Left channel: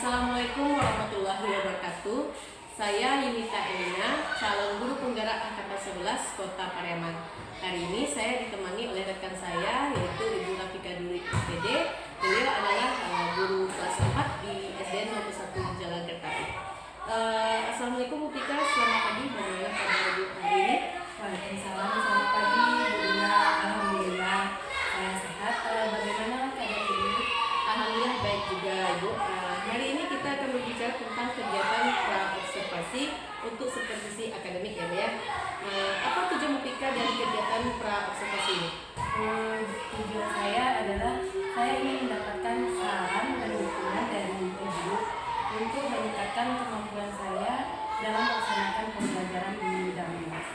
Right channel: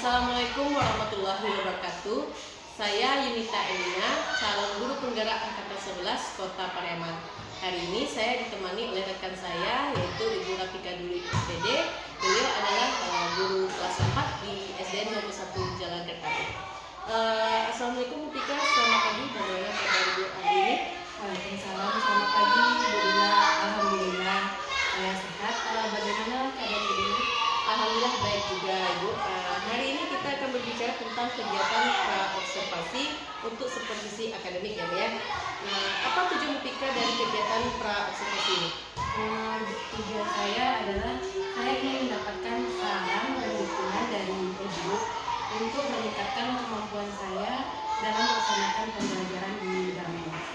Assalamualaikum warahmatullahi wabarakatuh. Saya Yunita Elina, calon guru penggerak angkatan 11 Kota Pariaman. Hari ini saya ditemani oleh rekan saya, yaitu Ibu Rafika Duri SPD. Beliau adalah guru kelas 4 di SDN 21 Jalan Kertari. Assalamualaikum Bu Tika, selamat pagi. Bagaimana kabar Ibu hari ini? Waalaikumsalam, selamat pagi Bu Dina. Alhamdulillah saya sehat. Bagaimana kabar Bu Dina? Alhamdulillah baik juga Ibu. Hari ini kita akan berbicara tentang kegiatan pra-observasi untuk supervisi akademik ya Bu ya. Apa tujuan Bu Tika dari kegiatan pra-observasi ini? Tujuan saya adalah saya ingin mendapatkan saran dan dukungan dari Ibu untuk meningkatkan kemampuan saya dalam melaksanakan pembelajaran di dalam kelas.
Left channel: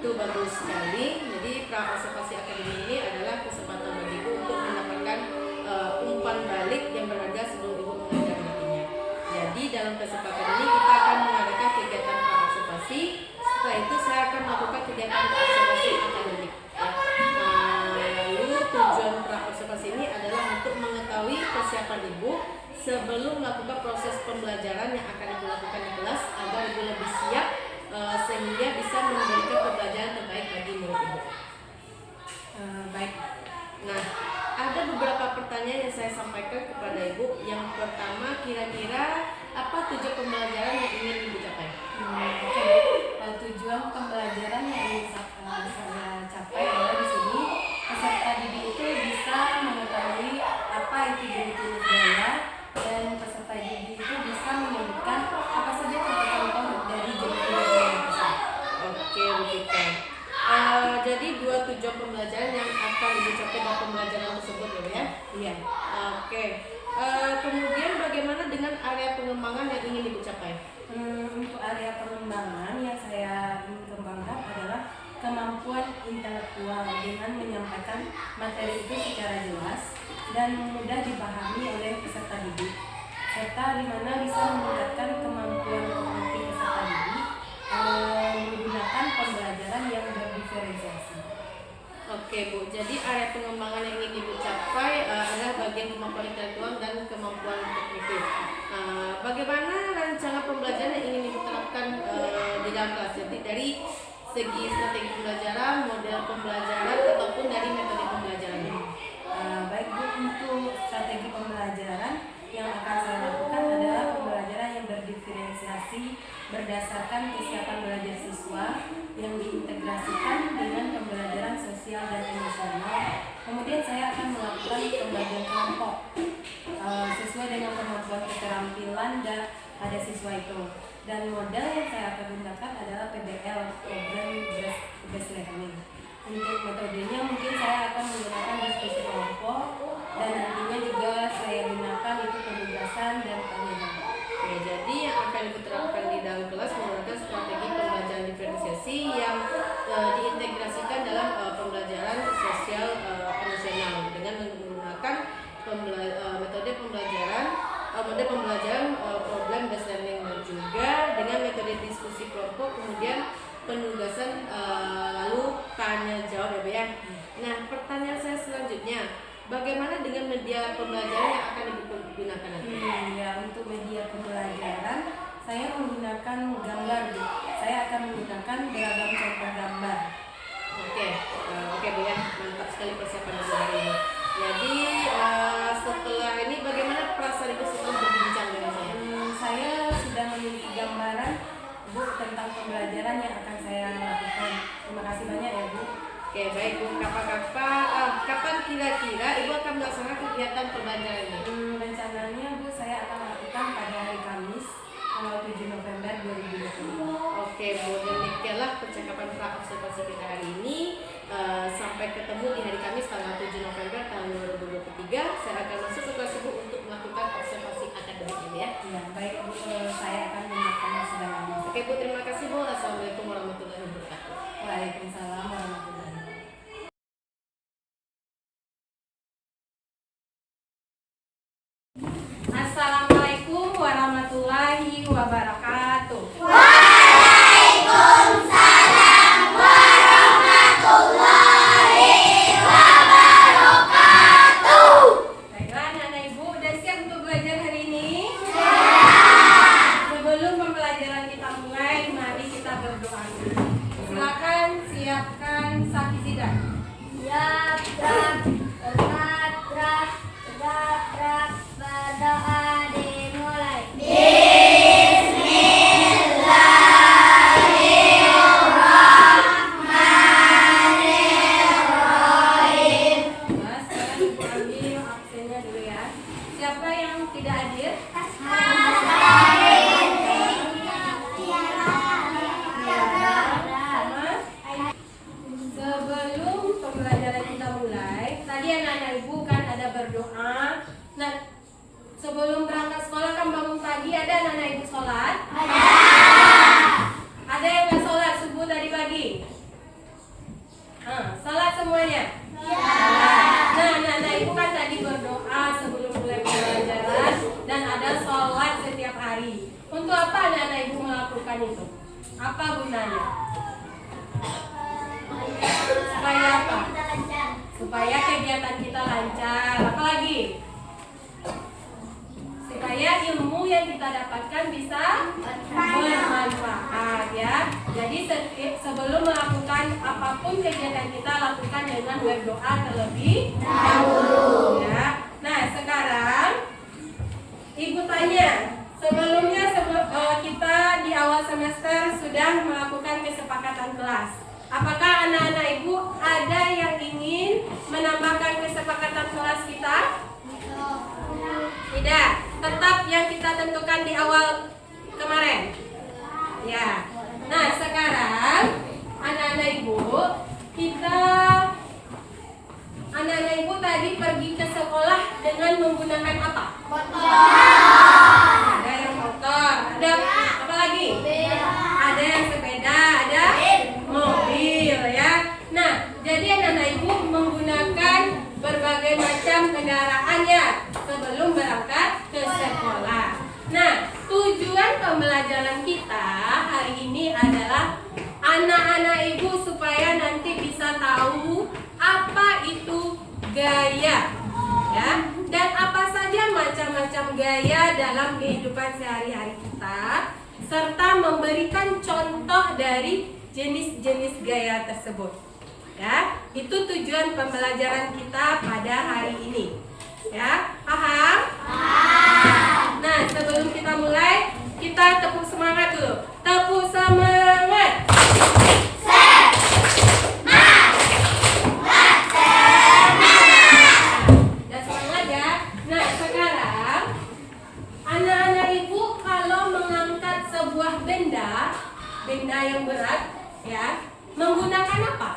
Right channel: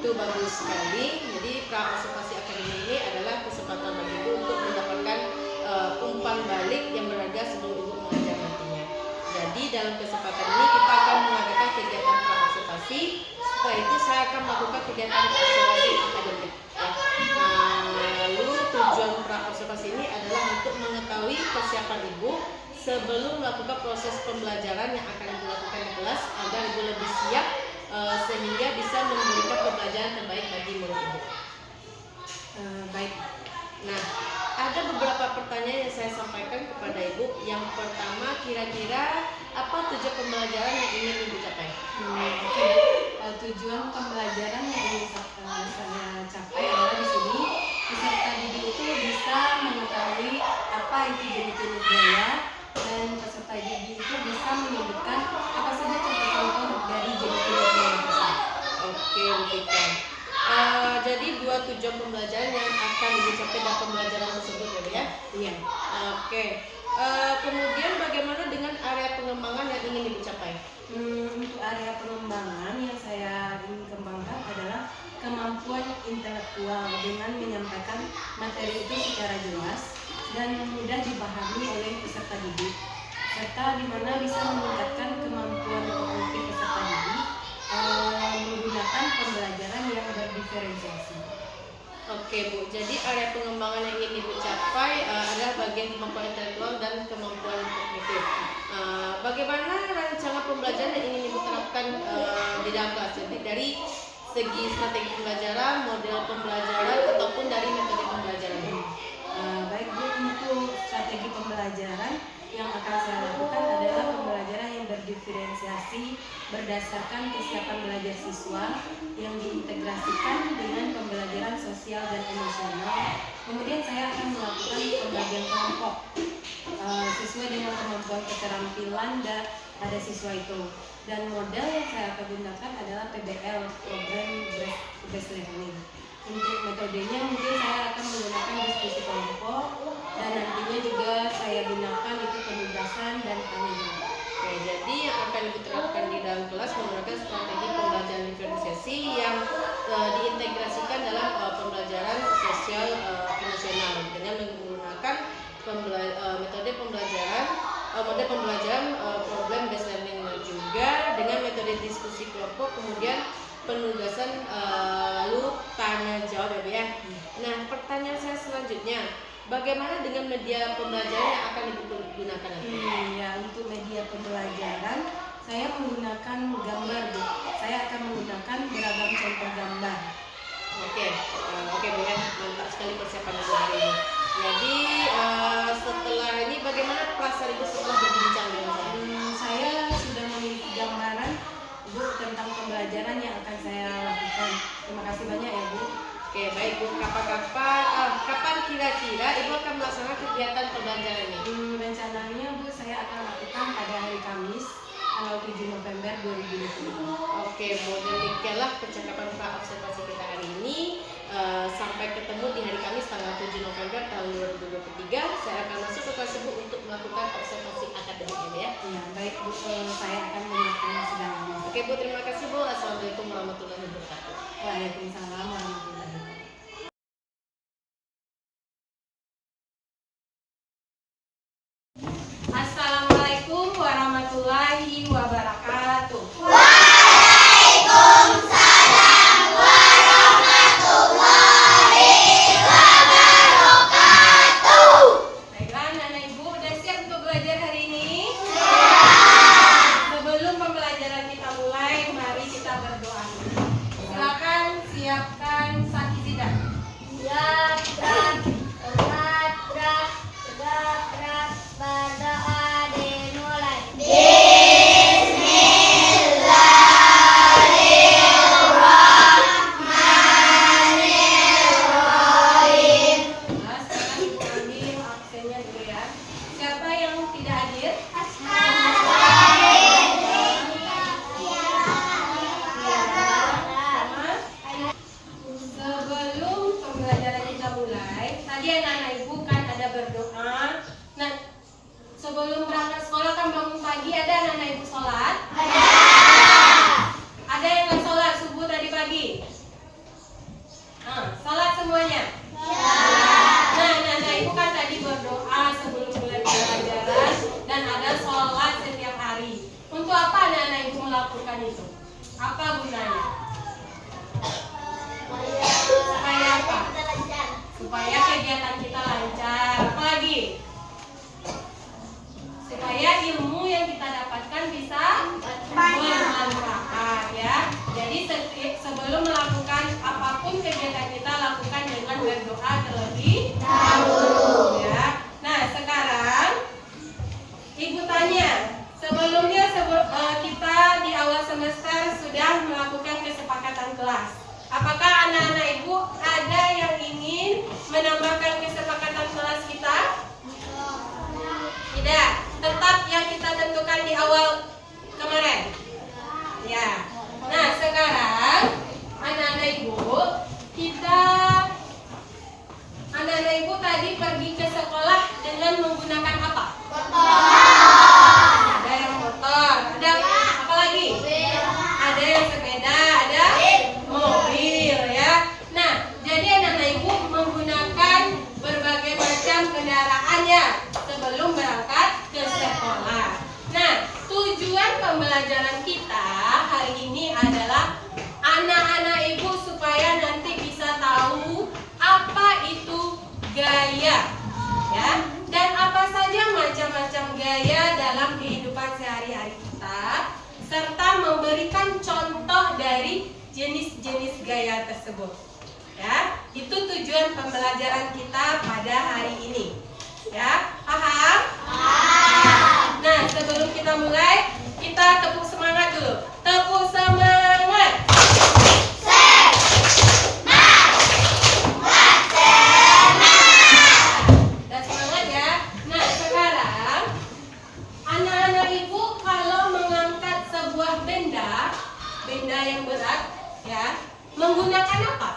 Itu bagus sekali. Jadi pra-observasi akademik ini adalah kesempatan bagi Ibu untuk mendapatkan umpan balik yang berharga sebelum Ibu mengajar nantinya. Jadi dalam kesempatan ini kita akan mengadakan kegiatan pra-observasi. Setelah itu saya akan melakukan kegiatan observasi akademik. Lalu tujuan pra-observasi ini adalah untuk mengetahui persiapan Ibu sebelum melakukan proses pembelajaran yang akan Ibu lakukan di kelas agar Ibu lebih siap sehingga bisa memberikan pembelajaran terbaik bagi murid Ibu. Baik. Nah, ada beberapa pertanyaan yang saya sampaikan kepada Ibu. Yang pertama, kira-kira apa tujuan pembelajaran yang ingin Ibu capai? Tujuan pembelajaran yang ingin saya capai adalah di sini peserta didik itu bisa mengetahui apa itu jenis-jenis gaya, dan peserta didik itu bisa menyebutkan apa saja contoh-contoh dari jenis-jenis gaya tersebut. Oke, Bu Tika. Jadi dua tujuan pembelajaran yang akan Ibu capai dalam pembelajaran tersebut ya Bu ya? Iya. Oke. Kemudian bagaimana dengan area pengembangan yang ingin Ibu capai? Untuk area pengembangan yang saya ingin kembangkan adalah kemampuan intelektual dengan menyampaikan materi itu secara jelas dan mudah dipahami oleh peserta didik, serta di mana bisa meningkatkan kemampuan kognitif peserta didik menggunakan pembelajaran yang berdiferensiasi. Oke Bu, jadi area pengembangan yang ingin Ibu capai adalah bagian kemampuan intelektual dan kemampuan kognitif. Bagaimana rencana pembelajaran yang ingin Ibu terapkan di dalam kelas? Jadi dari segi strategi pembelajaran, model pembelajaran, ataupun dari metode pembelajaran. Baik Bu, untuk strategi pembelajaran yang akan saya lakukan adalah pembelajaran yang berdiferensiasi berdasarkan kesiapan belajar siswa yang diintegrasikan dengan pembelajaran sosial dan emosional. Kemudian saya akan melakukan pembagian kelompok sesuai dengan kemampuan keterampilan pada siswa itu. Dan model yang saya akan gunakan adalah PBL, Program Based Learning. Untuk metodenya mungkin saya akan menggunakan diskusi kelompok, dan nantinya juga saya gunakan itu penugasan dan tanya. Oke, jadi yang akan diterapkan di dalam kelas menggunakan strategi pembelajaran diferensiasi yang diintegrasikan dalam pembelajaran sosial emosional dengan menggunakan metode pembelajaran model pembelajaran problem based learning, dan juga dengan metode diskusi kelompok, kemudian penugasan, lalu tanya jawab ya Bu ya. Nah, pertanyaan saya selanjutnya, bagaimana dengan media pembelajaran yang akan digunakan nanti? Ya, untuk media pembelajaran saya menggunakan gambar Bu. Saya akan menggunakan beragam contoh gambar. Oke Bu ya, mantap sekali persiapan Ibu hari ini. Jadi setelah ini bagaimana perasaan Ibu setelah berbincang dengan saya? Saya sudah memiliki gambaran Bu tentang pembelajaran yang akan saya lakukan. Terima kasih banyak ya Bu. Oke, baik Bu. Kapan kira-kira Ibu akan melaksanakan kegiatan pembelajaran ini? Rencananya Bu, saya akan lakukan pada hari Kamis tanggal 7 November 2020. Oke Bu, demikianlah percakapan pra-observasi kita hari ini. Sampai ketemu di hari Kamis tanggal 7 November tahun 2023. Saya akan masuk ke kelas Ibu untuk melakukan observasi akademik ini ya. Iya, baik Bu, saya akan menyiapkan segalanya. Oke Bu, terima kasih Bu. Assalamualaikum warahmatullahi wabarakatuh. Waalaikumsalam warahmatullahi wabarakatuh. Assalamualaikum warahmatullahi wabarakatuh. Waalaikumsalam warahmatullahi wabarakatuh. Baiklah anak-anak Ibu, udah siap untuk belajar hari ini? Siap. kita berdoa. Silakan siapkan sapi sidang. Gerak, gerak, gerak, berdoa dimulai. Sekarang Ibu ambil absennya dulu ya. Siapa yang tidak hadir? Sebelum pembelajaran kita mulai, tadi anak-anak ibu kan ada berdoa. Nah, sebelum berangkat sekolah kan bangun pagi ada anak-anak ibu sholat? Ada yang nggak sholat subuh tadi pagi? Sholat semuanya? Nah, anak-anak ibu kan tadi berdoa sebelum mulai pembelajaran dan ada sholat setiap hari. Untuk apa anak-anak ibu melakukan itu? Apa gunanya? Supaya apa? Supaya kegiatan kita lancar. Apa lagi? Supaya ilmu yang kita dapatkan bisa bermanfaat ya. Jadi sebelum melakukan apapun kegiatan kita lakukan dengan berdoa terlebih dahulu ya. Nah, sekarang Ibu tanya, sebelumnya kita di awal semester sudah melakukan kesepakatan kelas. Apakah anak-anak ibu ada yang ingin menambahkan kesepakatan kelas kita? Tidak, tetap yang kita tentukan di awal kemarin. Ya. Nah, sekarang anak-anak ibu tadi pergi ke sekolah dengan menggunakan apa? Ada yang motor, ada apa lagi? Ada yang sepeda, ada mobil ya. Nah, jadi anak-anak ibu menggunakan berbagai macam kendaraannya sebelum berangkat ke sekolah. Nah, tujuan pembelajaran kita hari ini adalah anak-anak ibu supaya nanti bisa tahu apa itu gaya ya, dan apa saja macam-macam gaya dalam kehidupan sehari-hari kita, serta memberikan contoh dari jenis-jenis gaya tersebut. Ya, itu tujuan pembelajaran kita pada hari ini. Ya, paham? Nah, sebelum kita mulai, kita tepuk semangat dulu. Tepuk semangat. Dan semangat ya. Nah, sekarang anak-anak ibu kalau mengangkat sebuah benda yang berat, ya, menggunakan apa?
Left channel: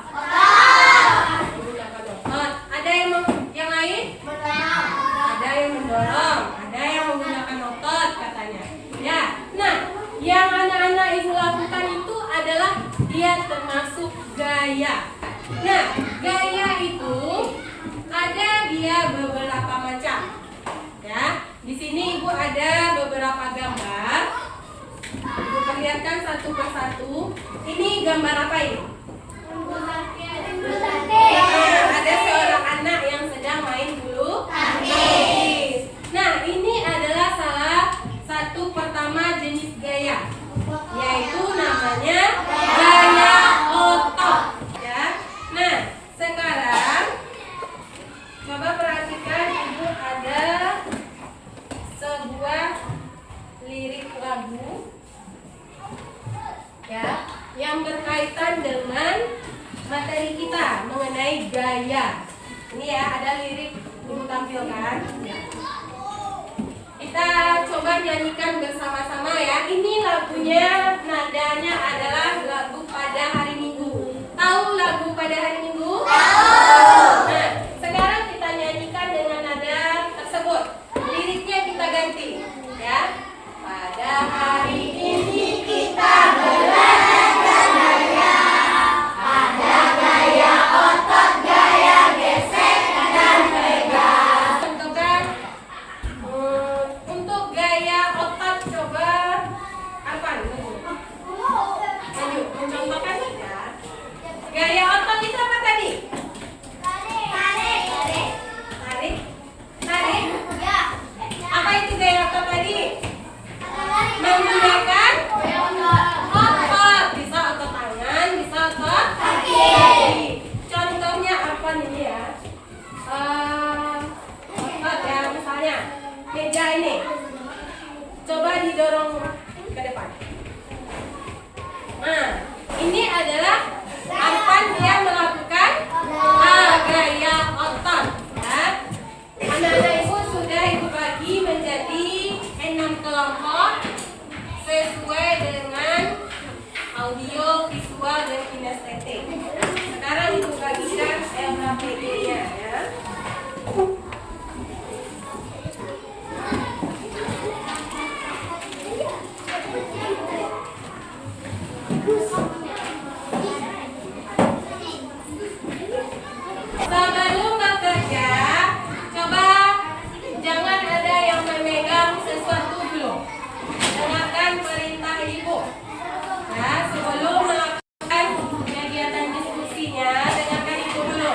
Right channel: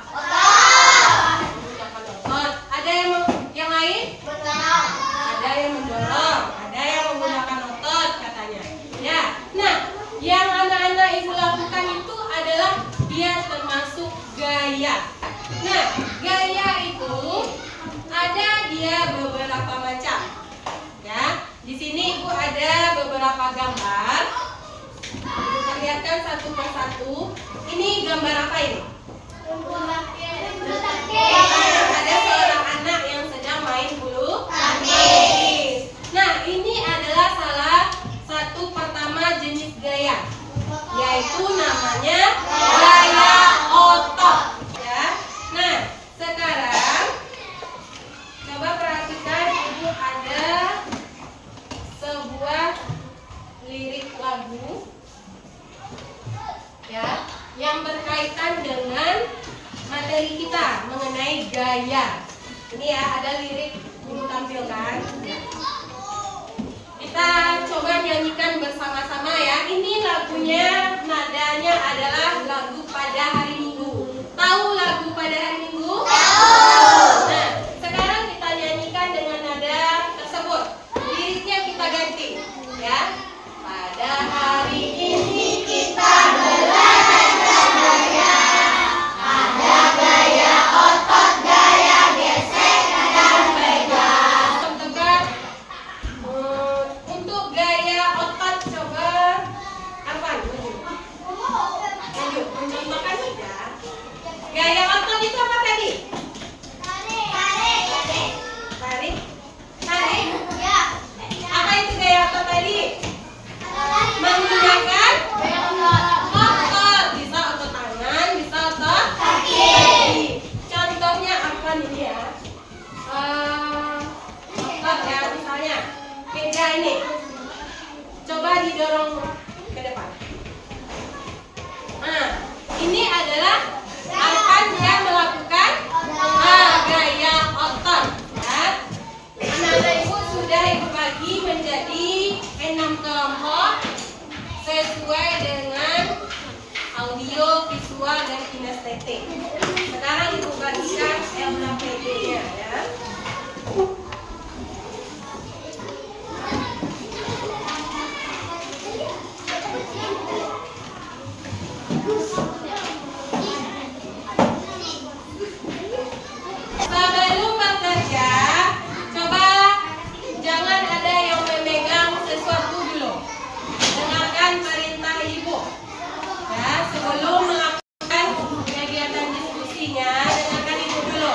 Menggunakan otot. Ada yang lain? Ada yang mendorong, ada yang menggunakan otot katanya. Ya. Nah, yang anak-anak ibu lakukan itu adalah dia termasuk gaya. Nah, gaya itu ada dia beberapa macam. Ya, di sini ibu ada beberapa gambar. Ibu perlihatkan satu persatu. Ini gambar apa ini? Ada seorang anak yang sedang main bulu tangkis. Nah, ini adalah salah satu pertama jenis gaya, yaitu namanya gaya otot. Ya. Nah, sekarang coba perhatikan, ibu ada sebuah lirik lagu ya, yang berkaitan dengan materi kita mengenai gaya. Ini ya, ada lirik ibu tampilkan. Ya. Kita coba nyanyikan bersama-sama ya. Ini lagunya, nadanya adalah lagu pada hari Minggu. Tahu lagu pada hari Minggu? Tahu. Nah, sekarang kita nyanyikan dengan nada tersebut. Liriknya kita ganti ya. Pada hari ini kita belajar gaya. Ada gaya otot, gaya gesek dan pegang. Untuk gaya otot coba apa? Ayo, mencontohkan tidak? Gaya otot itu apa tadi? Tarik. Tarik. Apa itu gaya otot tadi? Menggunakan otot. Bisa visual dan kinestetik. Sekarang Ibu bagikan LKPD-nya ya. Sebelum bekerja, coba jangan ada yang memegang sesuatu dulu. Dengarkan perintah Ibu. Ya, sebelum melakukan kegiatan diskusinya, dengarkan Ibu dulu.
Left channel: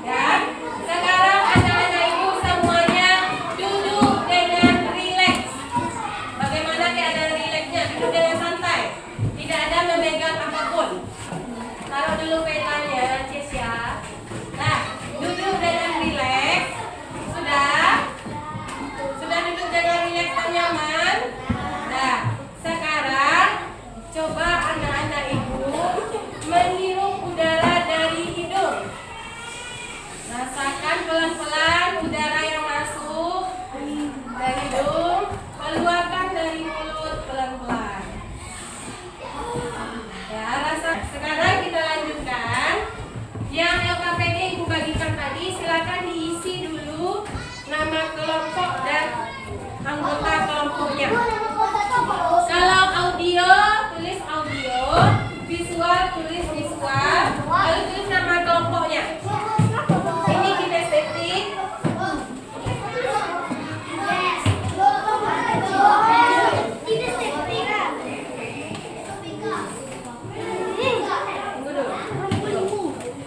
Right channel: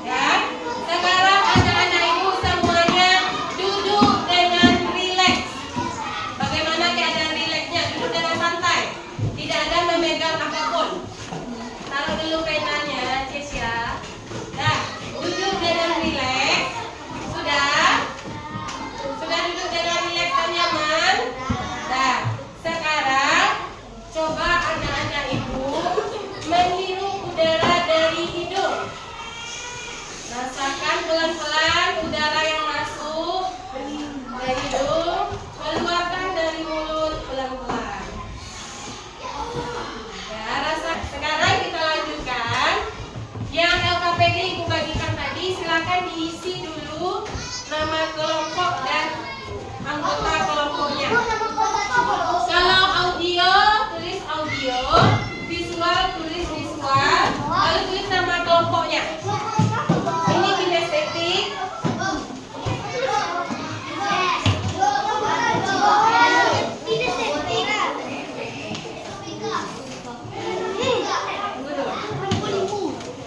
Ya, sekarang anak-anak Ibu semuanya duduk dengan rileks. Bagaimana keadaan rileksnya? Duduk dengan santai. Tidak ada memegang apapun. Taruh dulu penanya, Cesia. Nah, duduk dengan rileks. Sudah duduk dengan rileks dan nyaman. Nah, sekarang coba anak-anak Ibu menirup udara dari hidung. Rasakan pelan-pelan udara yang masuk dari hidung, keluarkan dari mulut pelan-pelan. Ya, rasa. Sekarang kita lanjutkan. Yang LKPD Ibu bagikan tadi, silakan diisi dulu nama kelompok dan anggota kelompoknya. Kalau audio, tulis audio, visual, tulis visual, lalu tulis nama kelompoknya. Ini kinestetik. Tunggu dulu.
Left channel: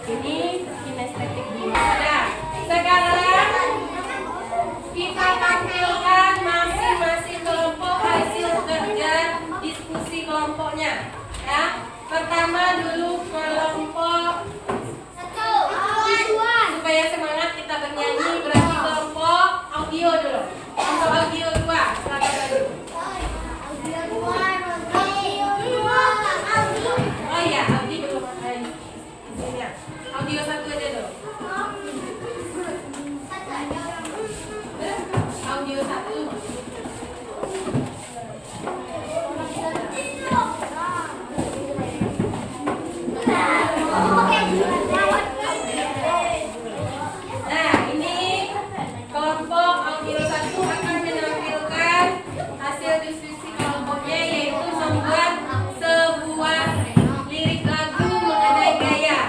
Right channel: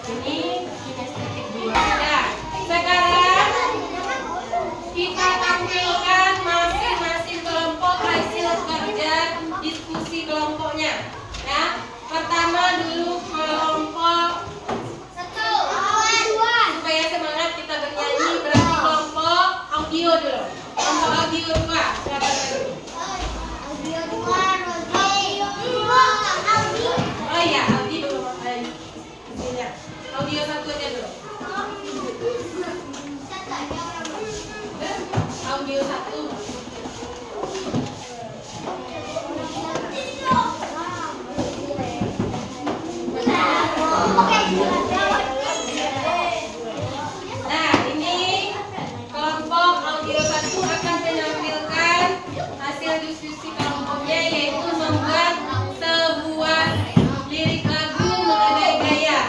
Ini kinestetik 2. Nah, sekarang kita tampilkan masing-masing kelompok hasil kerja diskusi kelompoknya. Ya, pertama dulu kelompok, supaya semangat kita bernyanyi, berarti kelompok audio dulu. Kelompok audio 2. Silakan dulu. Oh iya, Audi belum isinya. Audio 1 aja dulu. Audio 1. Nah, ini kelompok audio 1 akan menampilkan hasil diskusi kelompoknya, yaitu membuat sebuah lirik lagu mengenai gaya.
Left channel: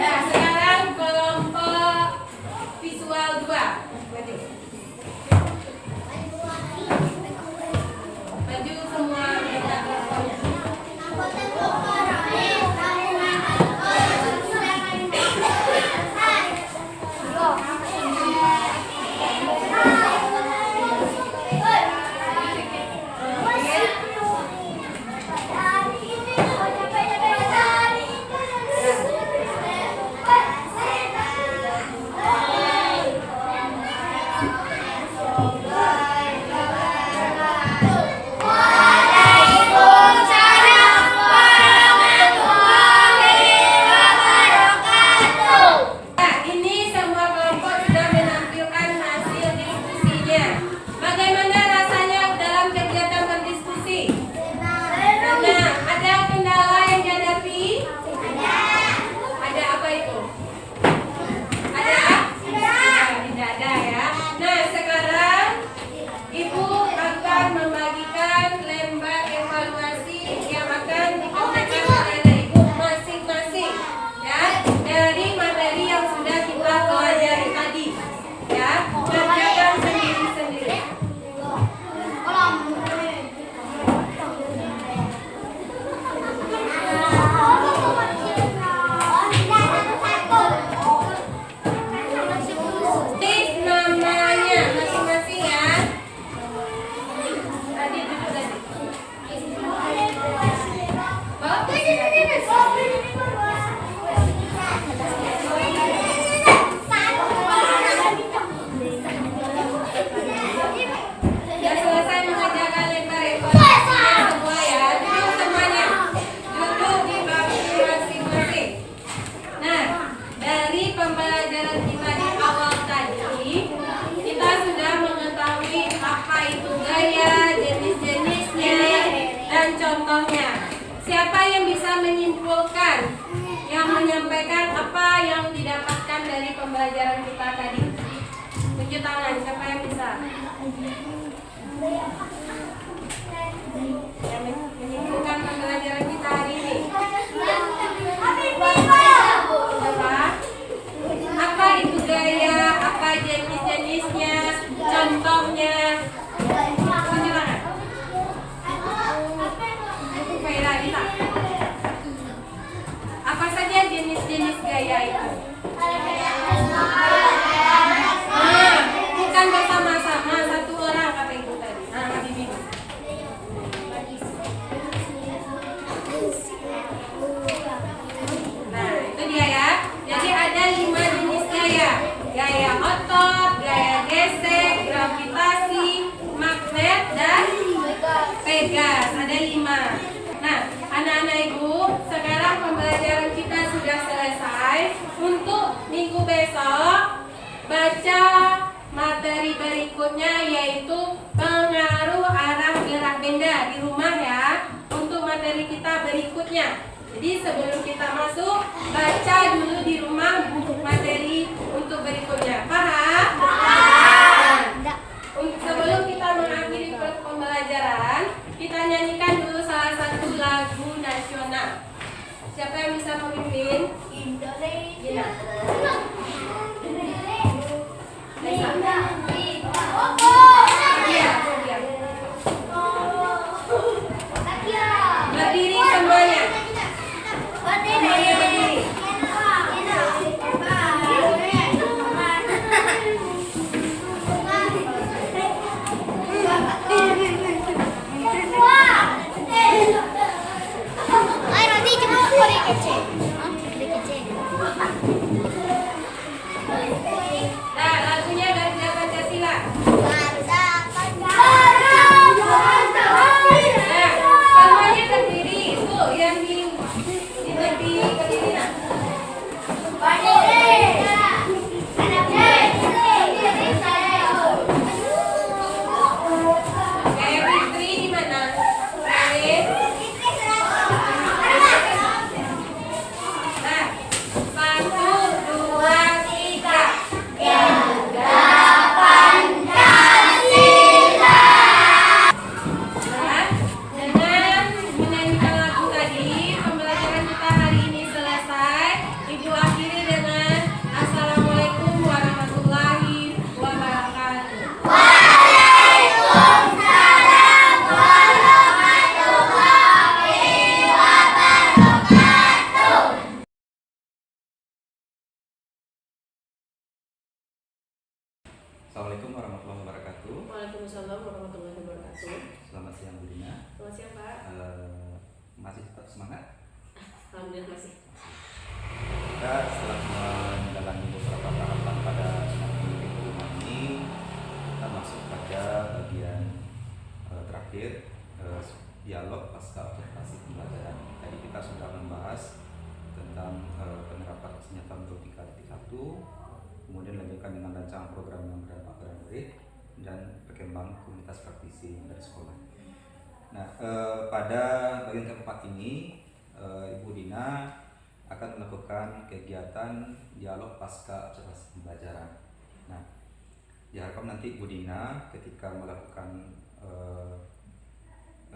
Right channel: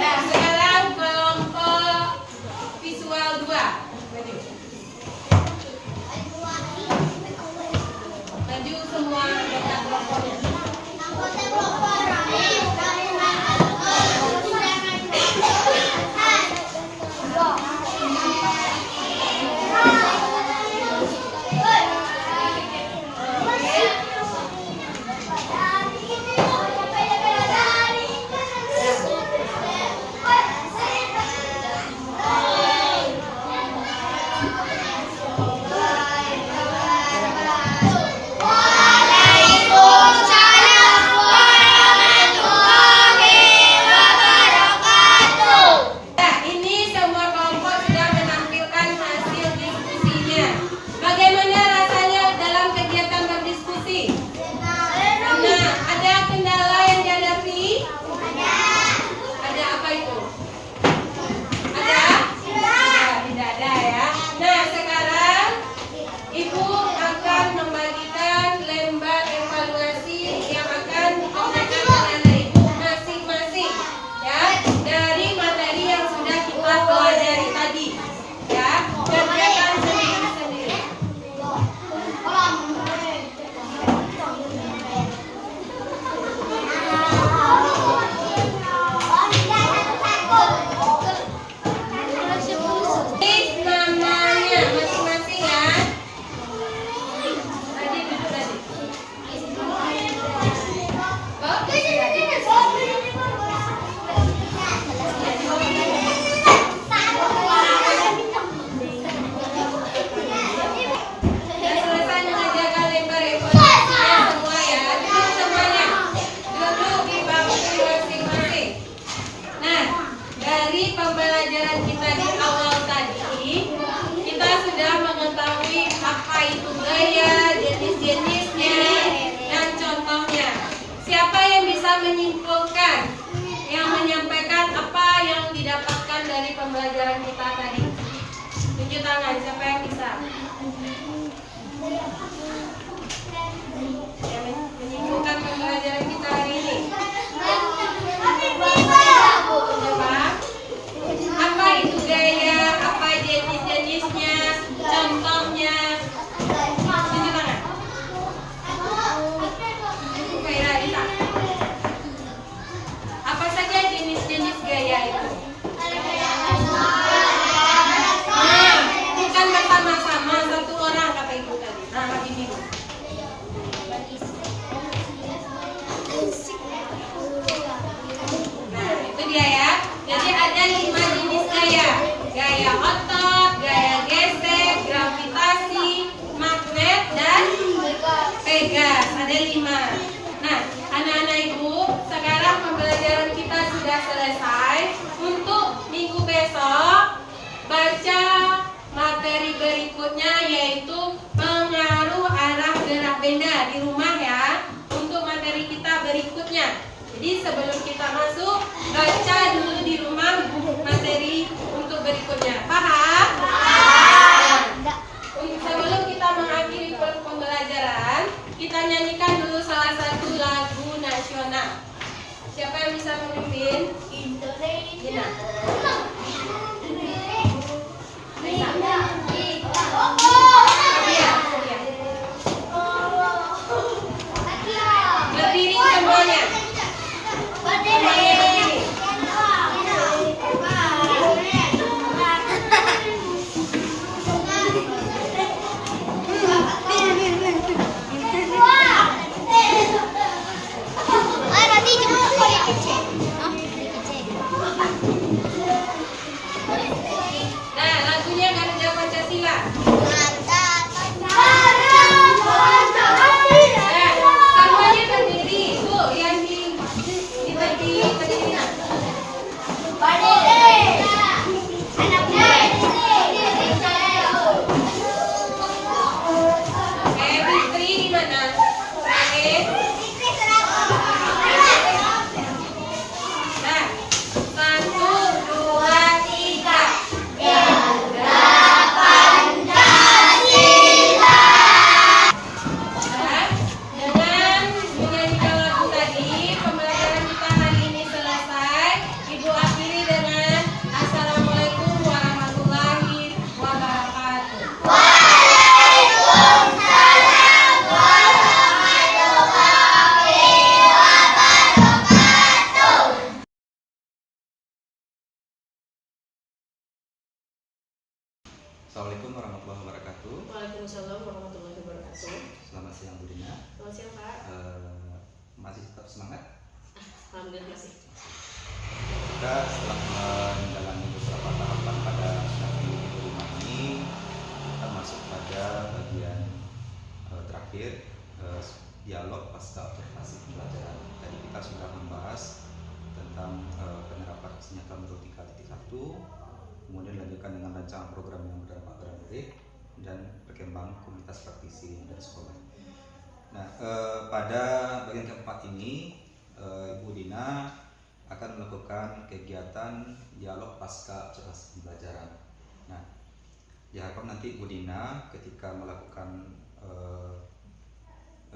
Nah, sekarang kelompok visual 2. tangan, siapa yang bisa? Yang menyingkirkan pembelajaran kita hari ini. Siapa? Apa itu gaya? Apa jenis-jenisnya? Contohnya? Tunjuk tangan. Faira, Dita. Apa saja jenis-jenis gaya itu? Bukan bersama-sama, satu orang kata ibu tadi. Lagi bingung. Nah, itu dia ya. Jadi ada 5 jenis gaya. Gaya otot, gaya gesek, gravitasi, magnet, dan pegas. Ada 5. Nah, anak-anak ibu, sekarang pembelajaran kita sudah selesai. Untuk minggu besok, baca materi berikutnya yaitu pengaruh arah gerak benda di rumah ya. Untuk materi kita berikutnya. Jadi sebelum kita masuk, baca dulu di rumah buku materi untuk berikutnya. Paham? Sebelum kita mengakhiri pembelajaran, kita nyanyikan dulu salah satu lagu nasional. Siapa yang bisa memimpin? Gina. Iya. Berdiri semuanya. Semuanya berdiri. Nah, lagunya Garuda Pancasila. Nah, semuanya berdiri. Tuh, yang diri berdiri. Nah. Oke, Fitri di mana? Oke. Nah, 1, 2, 3. Nah, dengan menyanyikan lagu tadi, pembelajaran kita hari ini selesai. Ibu akhiri dengan Assalamualaikum warahmatullahi wabarakatuh. Assalamualaikum warahmatullahi wabarakatuh. Waalaikumsalam warahmatullahi wabarakatuh. Selamat siang Bu Dina. Selamat siang Pak. Masih tetap semangat? Alhamdulillah masih. Kita setelah menjalani beberapa tahapan pada pendidikan di rumah ini, kita masuk pada bagian terakhir, dialog pasca observasi pembelajaran. Tadi kita sudah membahas tentang penerapan aksi nyata menurut 3.1, kemudian dilanjutkan dengan rancangan program yang berdampak pada murid dan berkembang komunitas praktisi dari sekolah. Nah, pada bagian keempat ini, Ibu Dina akan melakukan kegiatan dialog pasca observasi pembelajaran. Nah, diharapkan nanti Ibu Dina ketika melakukan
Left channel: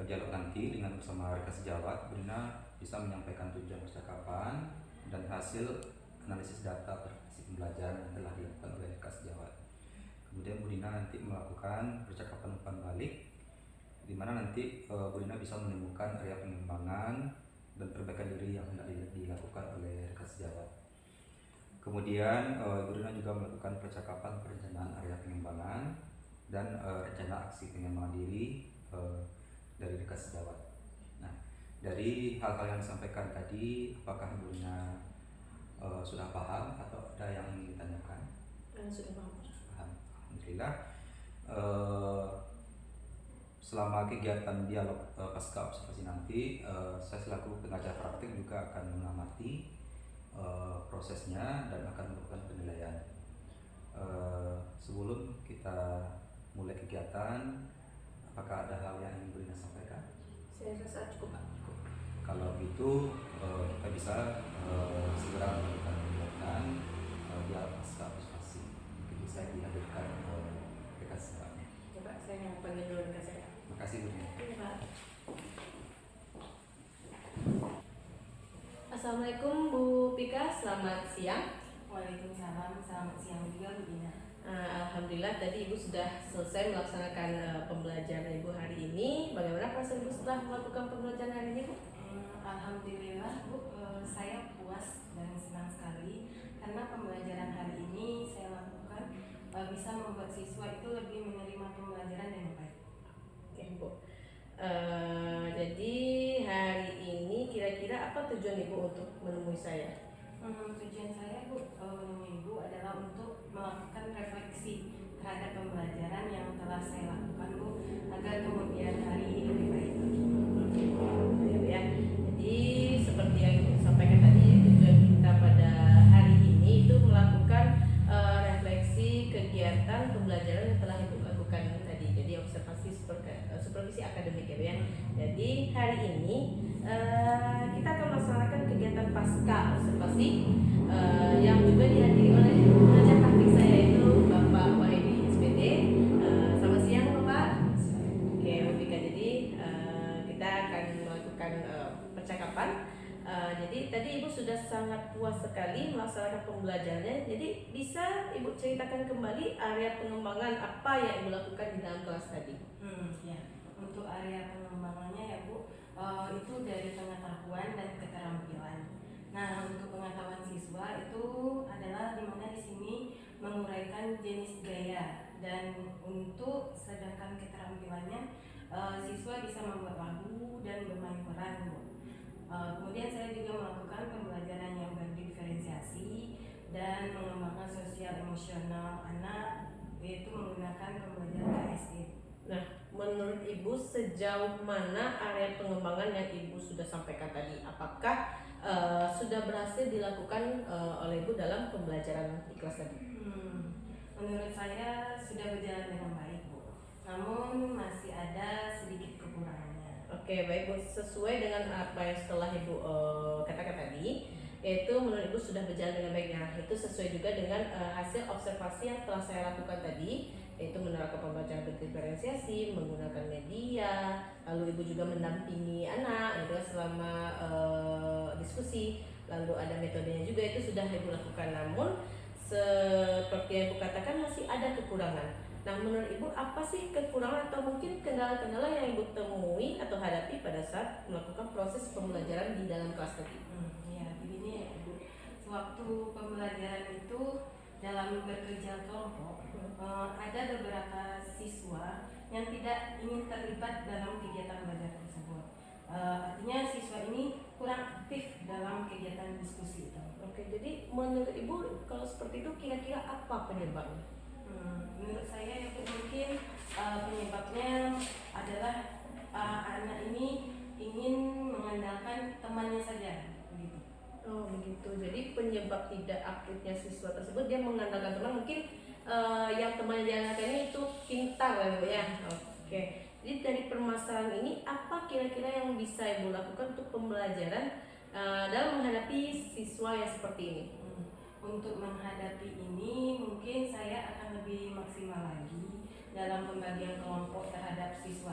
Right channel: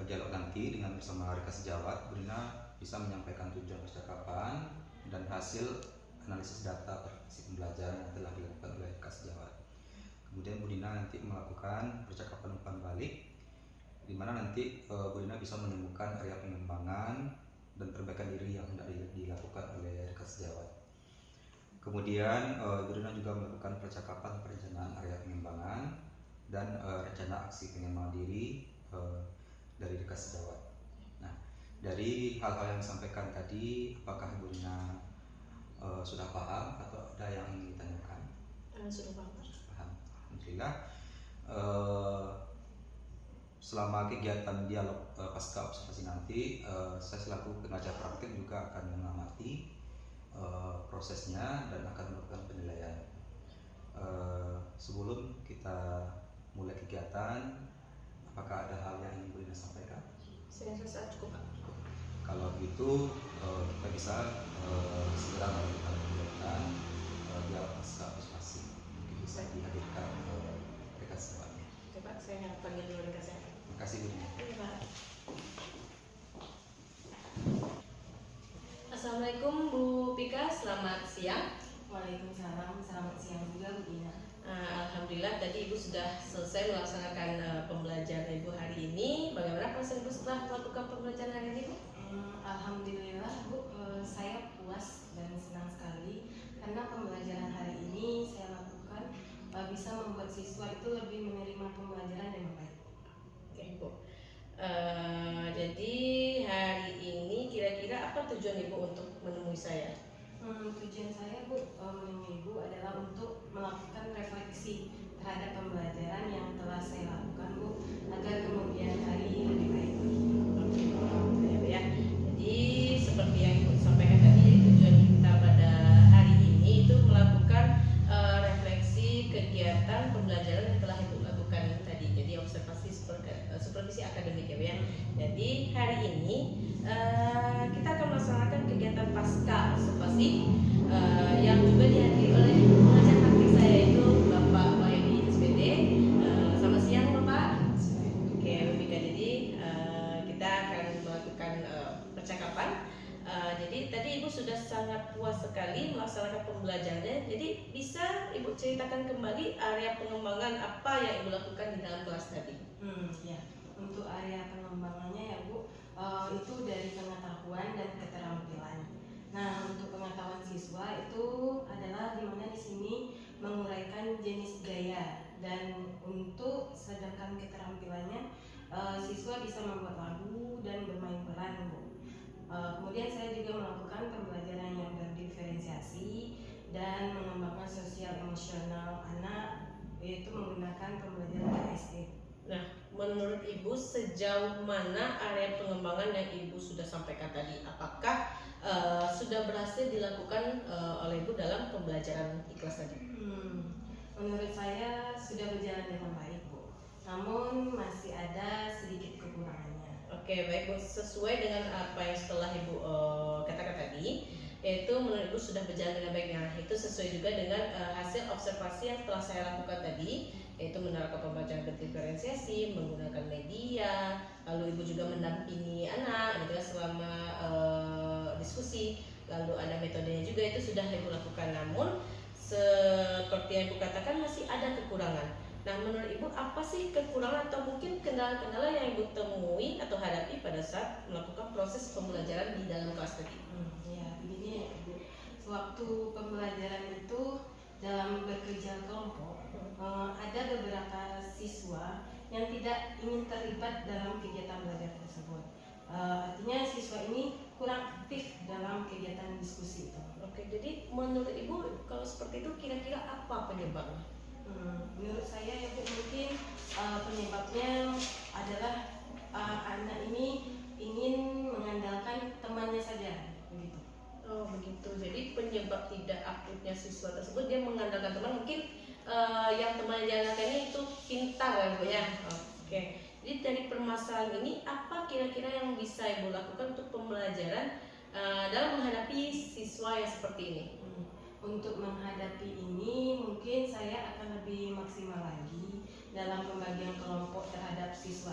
dialog nanti dengan bersama rekan sejawat, Bu Dina bisa menyampaikan tujuan percakapan dan hasil analisis data pembelajaran yang telah dilakukan oleh rekan sejawat. Kemudian Bu Dina nanti melakukan percakapan umpan balik, di mana nanti Bu Dina bisa menemukan area pengembangan dan perbaikan diri yang hendak dilakukan oleh rekan sejawat. Kemudian Bu Dina juga melakukan percakapan perencanaan area pengembangan dan rencana aksi pengembangan diri dari rekan sejawat. Nah, dari hal-hal yang disampaikan tadi, apakah Ibu Dina sudah paham atau ada yang ingin ditanyakan? Sudah paham. Paham. Alhamdulillah. Selama kegiatan dialog pasca observasi nanti, saya selaku pengajar praktik juga akan mengamati prosesnya dan akan melakukan penilaian. Sebelum kita mulai kegiatan, apakah ada hal yang ingin Bu Dina sampaikan? Saya rasa cukup Pak. Kalau gitu kita bisa segera melakukan kegiatan dialog pasca observasi. Mungkin bisa dihadirkan Saya panggil dulu ke saya. Makasih Bu. Iya, Pak. Assalamualaikum Bu Pika, selamat siang. Waalaikumsalam, selamat siang juga Bu Dina. Alhamdulillah tadi Ibu sudah selesai melaksanakan pembelajaran Ibu hari ini. Bagaimana perasaan Ibu setelah melakukan pembelajaran hari ini, Bu? Alhamdulillah Bu, saya puas dan senang sekali karena pembelajaran hari ini saya lakukan bisa membuat siswa itu lebih menerima pembelajaran dengan baik. Oke, Bu. Jadi hari ini kira-kira apa tujuan Ibu untuk menemui saya? Tujuan saya Bu menemui Ibu adalah untuk melakukan refleksi terhadap pembelajaran yang telah saya lakukan Bu, agar kemudian hari lebih baik lagi. Oke, Bu. Ya, Bu, ya. Jadi seperti yang Ibu sampaikan tadi, tujuan kita pada hari ini itu melakukan refleksi kegiatan pembelajaran yang telah Ibu lakukan tadi. Jadi observasi supervisi akademik ya, Bu, ya. Jadi hari ini kita akan melaksanakan kegiatan pasca observasi yang juga dihadiri oleh pengajar praktik saya yaitu Bapak Wahyudi SPD. Selamat siang Bapak. Oke, Bu Pika. Jadi kita akan melakukan percakapan. Jadi tadi Ibu sudah sangat puas sekali melaksanakan pembelajarannya. Jadi bisa Ibu ceritakan kembali area pengembangan apa yang Ibu lakukan di dalam kelas tadi? Ya, untuk area pengembangannya ya Bu, itu dari pengetahuan dan keterampilan. Nah, untuk pengetahuan siswa itu adalah dimana di sini menguraikan jenis gaya, dan untuk sedangkan keterampilannya siswa bisa membuat lagu dan bermain peran Bu. Kemudian saya juga melakukan pembelajaran yang berdiferensiasi dan mengembangkan sosial emosional anak, yaitu menggunakan pembelajaran KSE. Nah, menurut Ibu sejauh mana area pengembangan yang Ibu sudah sampaikan tadi? Apakah sudah berhasil dilakukan oleh Ibu dalam pembelajaran di kelas tadi? Menurut saya sudah berjalan dengan baik Bu, namun masih ada sedikit kekurangannya. Oke, baik Bu. Sesuai dengan apa yang setelah Ibu katakan tadi, yaitu menurut Ibu sudah berjalan dengan baik. Nah, itu sesuai juga dengan hasil observasi yang telah saya lakukan tadi, yaitu menerapkan pembelajaran berdiferensiasi, menggunakan media, lalu Ibu juga mendampingi anak gitu selama diskusi, lalu ada metodenya juga, itu sudah Ibu lakukan. Namun seperti yang Ibu katakan masih ada kekurangan. Nah, menurut Ibu apa sih kekurangan atau mungkin kendala-kendala yang Ibu temui atau hadapi pada saat melakukan proses pembelajaran di dalam kelas tadi? Ya, begini ya Ibu, sewaktu pembelajaran itu dalam bekerja kelompok, ada beberapa siswa yang tidak ingin terlibat dalam kegiatan belajar tersebut. Artinya siswa ini kurang aktif dalam kegiatan diskusi itu. Oke, jadi menurut Ibu kalau seperti itu kira-kira apa penyebabnya? Menurut saya ya Bu, mungkin penyebabnya adalah anak ini ingin mengandalkan temannya saja, begitu. Oh begitu, jadi penyebab tidak aktifnya siswa tersebut dia mengandalkan teman, mungkin yang temannya diandalkan ini itu pintar ya Bu ya. Oke, jadi dari permasalahan ini apa kira-kira yang bisa Ibu lakukan untuk pembelajaran dalam menghadapi siswa yang seperti ini? Untuk menghadapi ini mungkin saya akan lebih maksimal lagi dalam pembagian kelompok terhadap siswa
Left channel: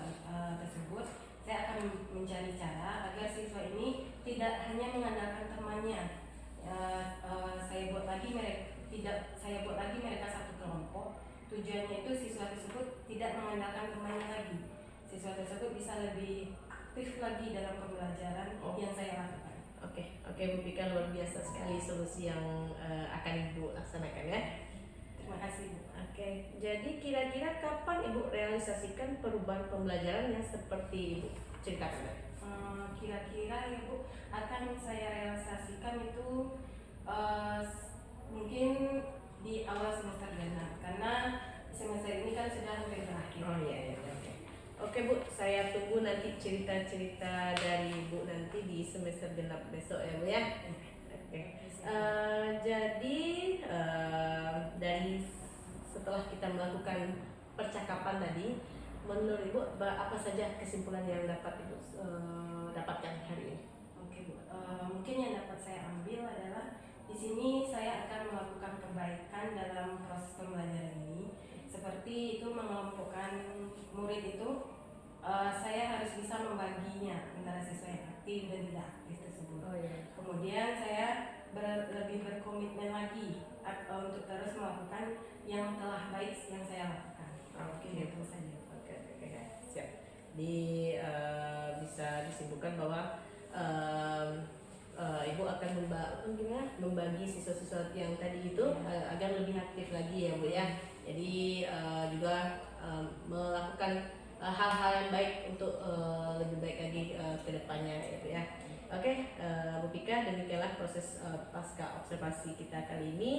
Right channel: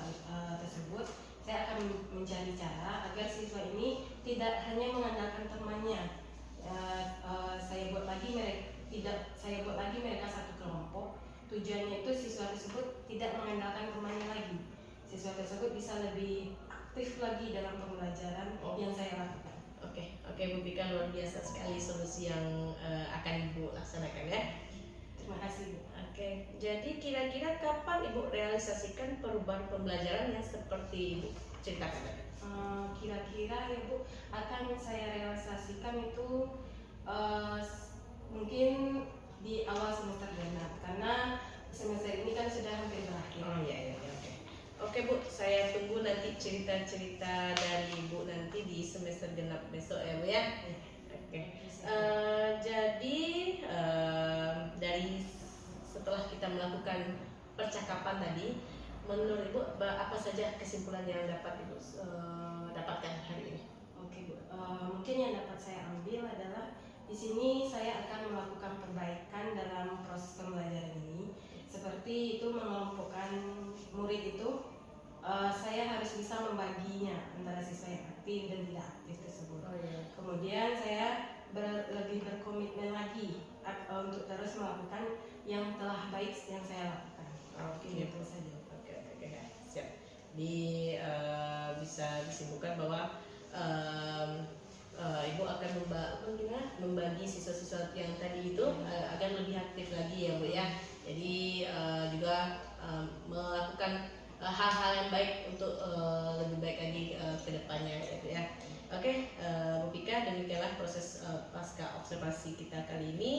tersebut. Saya akan mencari cara agar siswa ini tidak hanya mengandalkan temannya. Saya buat lagi mereka satu kelompok. Tujuannya itu siswa tersebut tidak mengandalkan temannya lagi. Siswa tersebut bisa lebih aktif lagi dalam pembelajaran yang saya lakukan. Oke, Bu Pika, luar biasa sekali solusi yang akan Ibu laksanakan ya. Terima kasih Bu. Oke, jadi kira-kira kapan Ibu realisasikan perubahan pembelajaran yang seperti Ibu ceritakan tadi? Kira-kira ya Bu, akan saya realisasikan itu mungkin di awal semester genap, karena semester ini kan sudah hampir berakhir. Oh iya, oke. Oke Bu, saya tunggu nanti cerita-cerita dari Ibu nanti di semester genap besok ya Bu ya. Oke. Jadi dari setelah kita melakukan percakapan tadi, menurut Ibu apa saja kesimpulan yang dapat Ibu dapatkan hari ini? Oke Bu, mungkin yang dapat saya ambil adalah di sini saya akan melakukan perbaikan dalam proses pembelajaran ini. seperti itu mengelompokkan murid itu, saya harus bisa membaginya antara siswa yang aktif dan tidak aktif tersebut. Oh iya. Kemudian saya lebih berkomitmen lagi untuk terus melakukan yang telah baik yang saya lakukan. Oke. Itu saja. Oke, siap. Bisa disimpulkan bahwa Ibu akan membagi siswa-siswa yang tadi itu agar lebih aktif lagi ya Bu ya. Jadi juga melakukan hal-hal yang baik untuk lebih baik lagi ke depannya ya Bu ya. Oke, Bu Pika, demikianlah proses pasca observasi kita kali ini.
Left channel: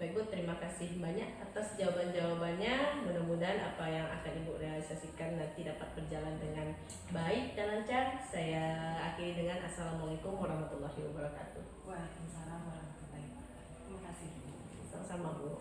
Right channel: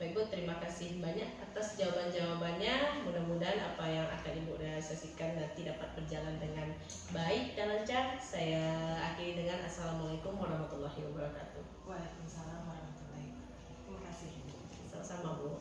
Baik Bu, terima kasih banyak atas jawaban-jawabannya. Mudah-mudahan apa yang akan Ibu realisasikan nanti dapat berjalan dengan baik dan lancar. Saya akhiri dengan Assalamualaikum warahmatullahi wabarakatuh. Waalaikumsalam warahmatullahi wabarakatuh. Terima kasih. Sama-sama Bu.